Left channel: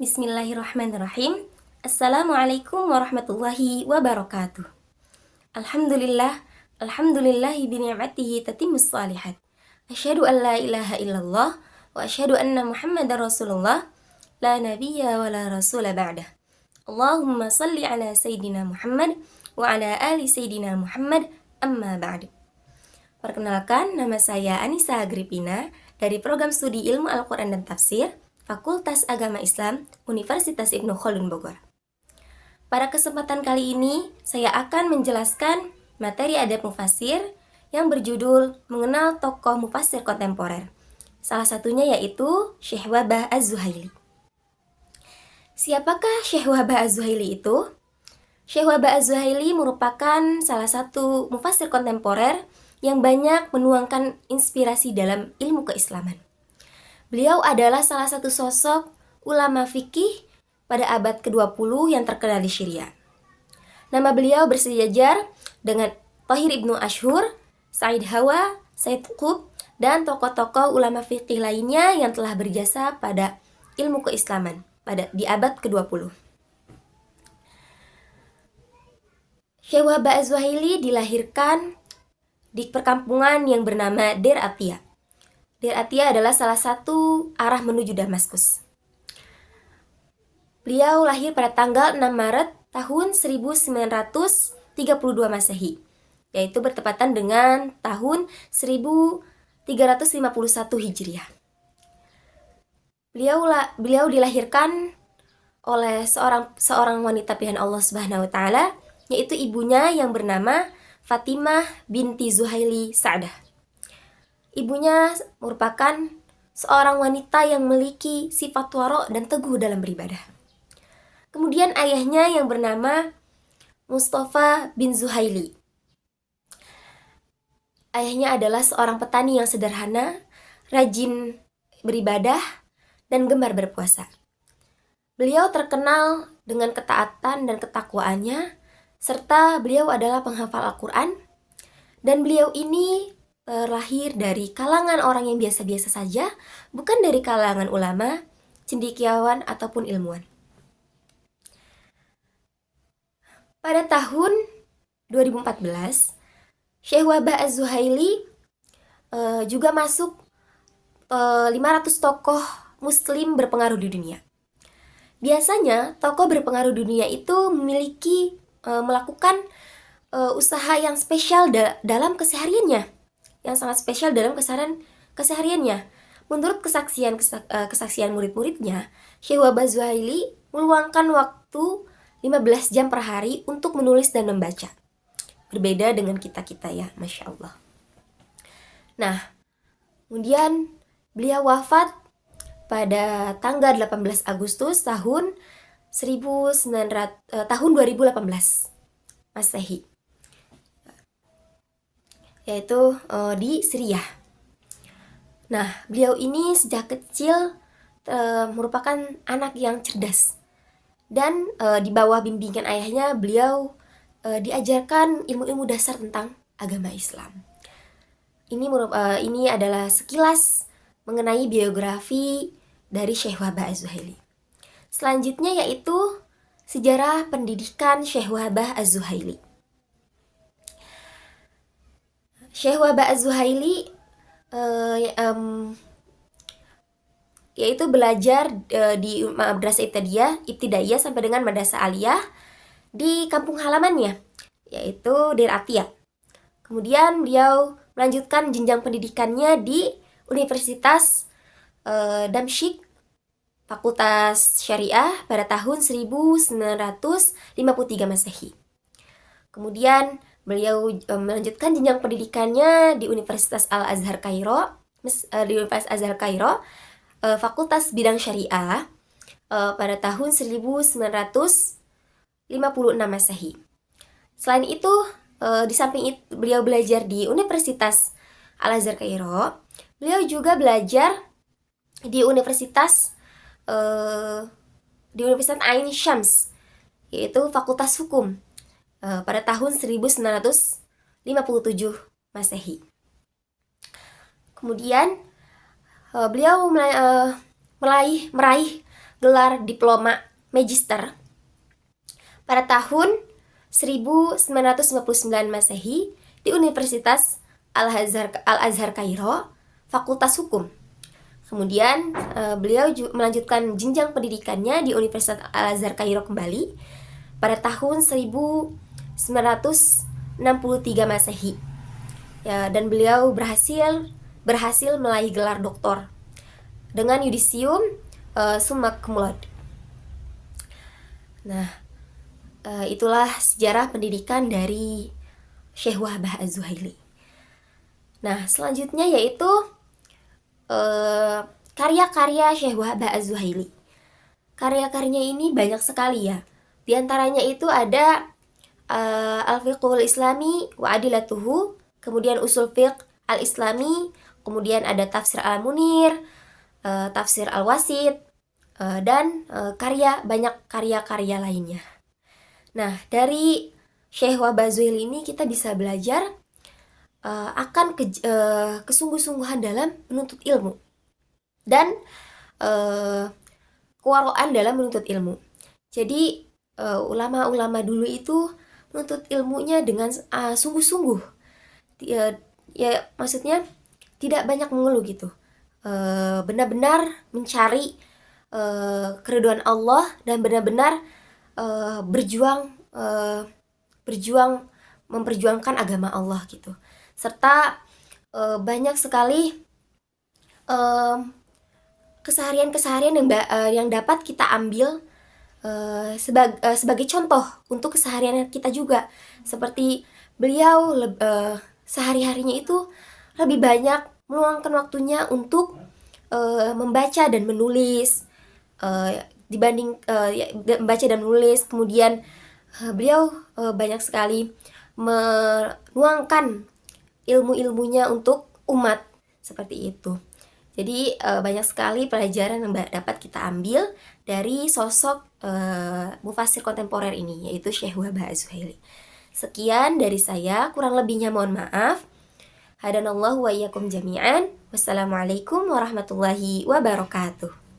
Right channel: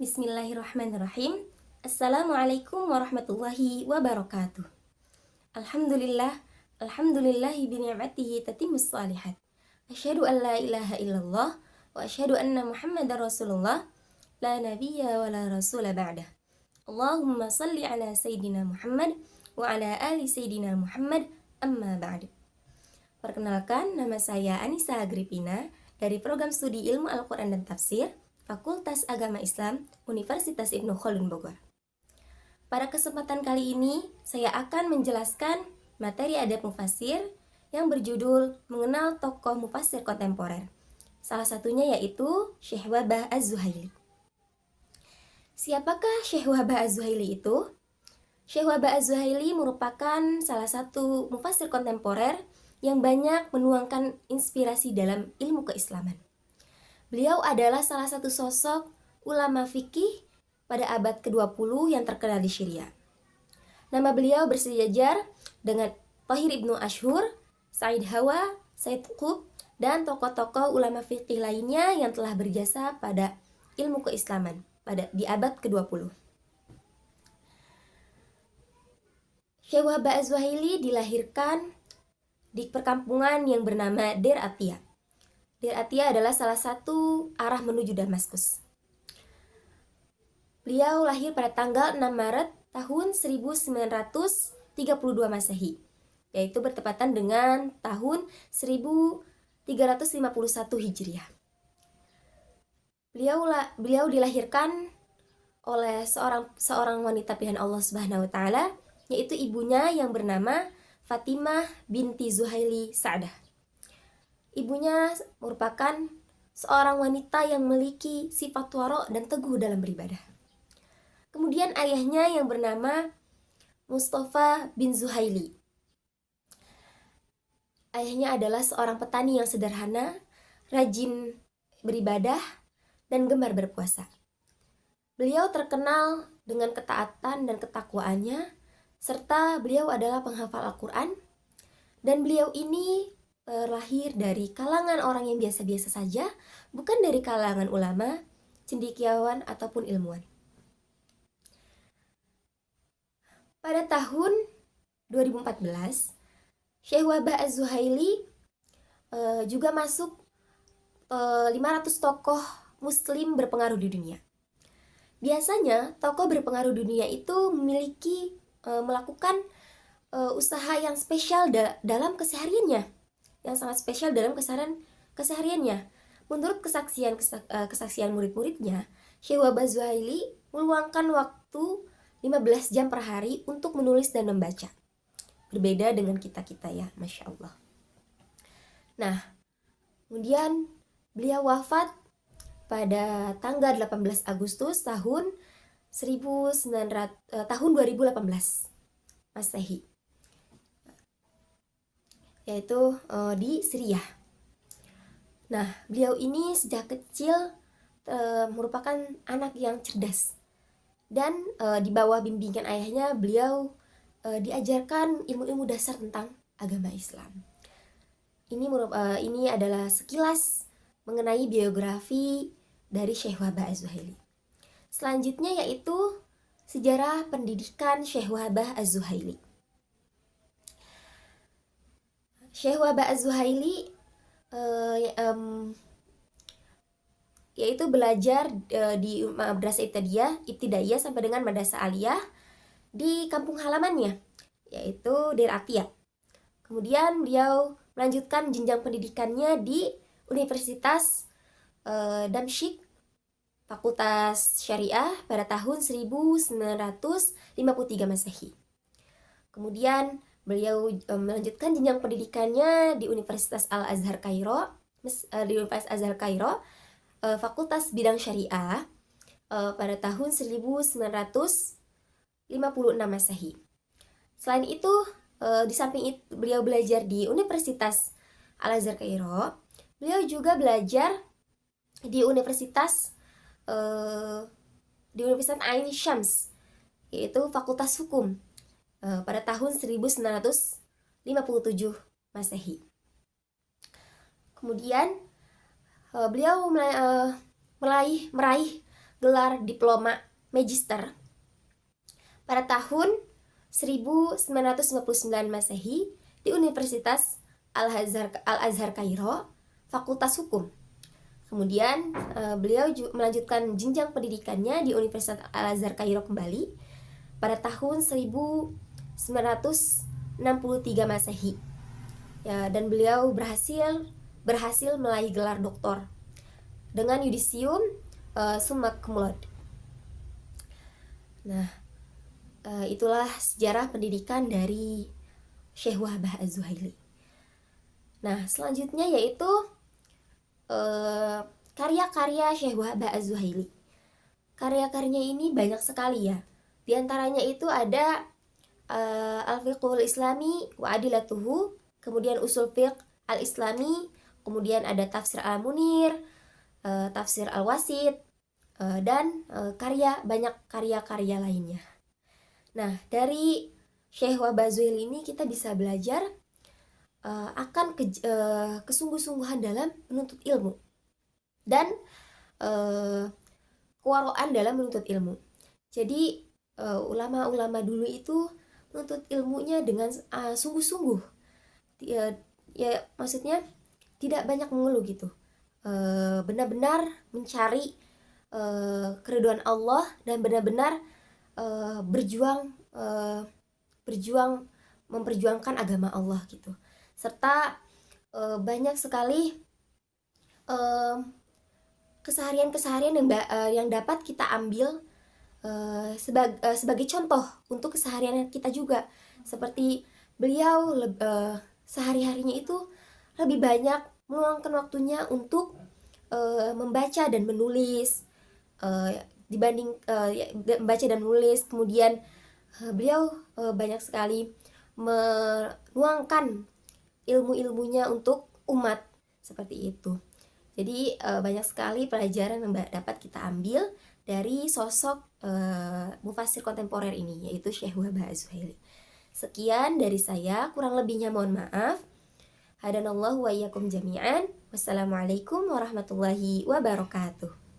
Bismillahirrahmanirrahim. Assalamualaikum warahmatullahi wabarakatuh. Alhamdulillah, alhamdulillahi bini'matihi tatimmus salihat. Asyhadu an la ilaha illallah wa asyhadu anna Muhammadar Rasulullah la nabiyya wa la rasula ba'dah. Allahumma salli ala sayyidina Muhammad wa ala ali sayyidina Muhammad amma ba'du. Perkenalkan, nama saya Anissa Agripina dari program studi Ilmu Al-Quran dan Tafsir Fakultas Agama Islam Universitas Ibnu Khaldun Bogor. Pada kesempatan kali ini, saya akan menjelaskan materi adab mufasir yang berjudul Mengenal Tokoh Mufasir Kontemporer. Salah satunya yaitu Syekh Wahbah Az-Zuhaili. Siapakah Syekh Wahbah Az-Zuhaili itu? Syekh Wahbah Az-Zuhaili merupakan salah satu mufasir kontemporer yang banyak menuangkan inspirasi dalam ilmu keislaman. Beliau adalah salah satu sosok ulama fikih pada abad ke-20 yang terkenal di Syria. Nama beliau bersejajar dengan Thahir Ibnu Ashur, Said Hawa, Said Qutb, dan tokoh-tokoh ulama fikih lainnya yang telah berjasa pada ilmu keislaman di abad ke-20. Syekh Wahbah Az-Zuhaili dilahirkan di perkampungan yang bernama Deir Atiyah. Deir Atiyah adalah salah satu arah menuju Damaskus. Beliau lahir pada tanggal 6 Maret tahun 1932 Masehi, yaitu bertepatan dengan tahun 1351 Hijriah. Beliau dilahirkan oleh seorang wanita pilihan Allah Subhanahu wa taala, yaitu ibunya yang bernama Fatimah binti Zuhaili Sa'dah. Ibunya merupakan seorang wanita yang memiliki sifat waro dan teguh dalam beribadah. Kemudian ayahnya yang bernama Mustafa bin Zuhaili. Ayahnya adalah seorang petani yang sederhana, rajin beribadah, dan gemar berpuasa. Beliau terkenal dengan ketaatan dan ketakwaannya, serta beliau adalah penghafal Al-Quran, dan beliau ini terlahir dari kalangan orang yang biasa-biasa saja, bukan dari kalangan ulama, cendekiawan, ataupun ilmuwan. Pada tahun 2014, Syekh Wahbah Az-Zuhaili juga masuk 500 tokoh muslim berpengaruh di dunia. Biasanya, tokoh berpengaruh dunia itu memiliki melakukan usaha yang spesial dalam kesehariannya, yang sangat spesial dalam kesehariannya. Menurut kesaksian murid-muridnya, Syekh Wahbah Az-Zuhaili meluangkan waktu 15 jam per hari untuk menulis dan membaca. Berbeda dengan kita-kita ya, Masya Allah. Nah, kemudian beliau wafat pada tanggal 18 Agustus tahun 2018 Masehi, yaitu di Syria. Nah, beliau ini sejak kecil merupakan anak yang cerdas, dan di bawah bimbingan ayahnya beliau diajarkan ilmu-ilmu dasar tentang agama Islam. Ini adalah sekilas mengenai biografi dari Syekh Wahbah Az-Zuhaili. Selanjutnya yaitu sejarah pendidikan Syekh Wahbah Az-Zuhaili. Syekh Wahbah Az-Zuhaili yaitu belajar di Madrasah Ibtidaiyah sampai dengan Madrasah Aliyah di kampung halamannya, yaitu Deir Atiyah. Kemudian beliau melanjutkan jenjang pendidikannya di Universitas Damsyik, Fakultas Syariah pada tahun 1953 Masehi. Kemudian beliau melanjutkan jenjang pendidikannya di Universitas Al-Azhar Kairo, Fakultas Bidang Syariah pada tahun 1956 Masehi. Selain itu, di samping itu beliau belajar di Universitas Al-Azhar Kairo, beliau juga belajar di Universitas Ain Syams, yaitu Fakultas Hukum pada tahun 1957 Masehi. Kemudian beliau meraih gelar diploma magister pada tahun 1959 Masehi di Universitas Al-Azhar Kairo, Fakultas Hukum. Kemudian beliau melanjutkan jenjang pendidikannya di Universitas Al-Azhar Kairo kembali pada tahun 1963 Masehi. Ya, dan beliau berhasil meraih gelar doktor dengan yudisium summa cum laude. Nah, itulah sejarah pendidikan dari Syekh Wahbah Az-Zuhaili. Nah, selanjutnya yaitu karya-karya Syekh Wahbah Az-Zuhaili. Karya-karyanya ini banyak sekali ya. Di antaranya itu ada Al-Fiqhul Islami wa Adilatuhu, kemudian Usul Fiqh Al-Islami, kemudian ada Tafsir Al-Munir, Tafsir Al-Wasit, dan banyak karya-karya lainnya. Nah, dari Syekh Wahbah Az-Zuhaili ini kita bisa belajar akan kesungguh-sungguhan dalam menuntut ilmu dan kewaraan dalam menuntut ilmu. Jadi ulama-ulama dulu itu menuntut ilmunya dengan sungguh-sungguh. Ya maksudnya tidak banyak mengeluh gitu. Benar-benar mencari keridhaan Allah dan benar-benar berjuang memperjuangkan agama Allah gitu. Serta banyak sekali keseharian-keseharian yang dapat kita ambil sebagai contoh untuk keseharian kita juga. Seperti beliau sehari-harinya itu lebih banyak meluangkan waktunya untuk membaca dan menulis dibanding membaca dan menulis. Kemudian beliau banyak sekali menuangkan ilmu-ilmunya untuk umat seperti itu. Jadi banyak sekali pelajaran yang dapat kita ambil dari sosok mufasir kontemporer ini, yaitu Syekh Wahbah Az-Zuhaili. Sekian dari saya, kurang lebihnya mohon maaf. Hadanallahu wa iyyakum jami'an. Wassalamualaikum warahmatullahi wabarakatuh.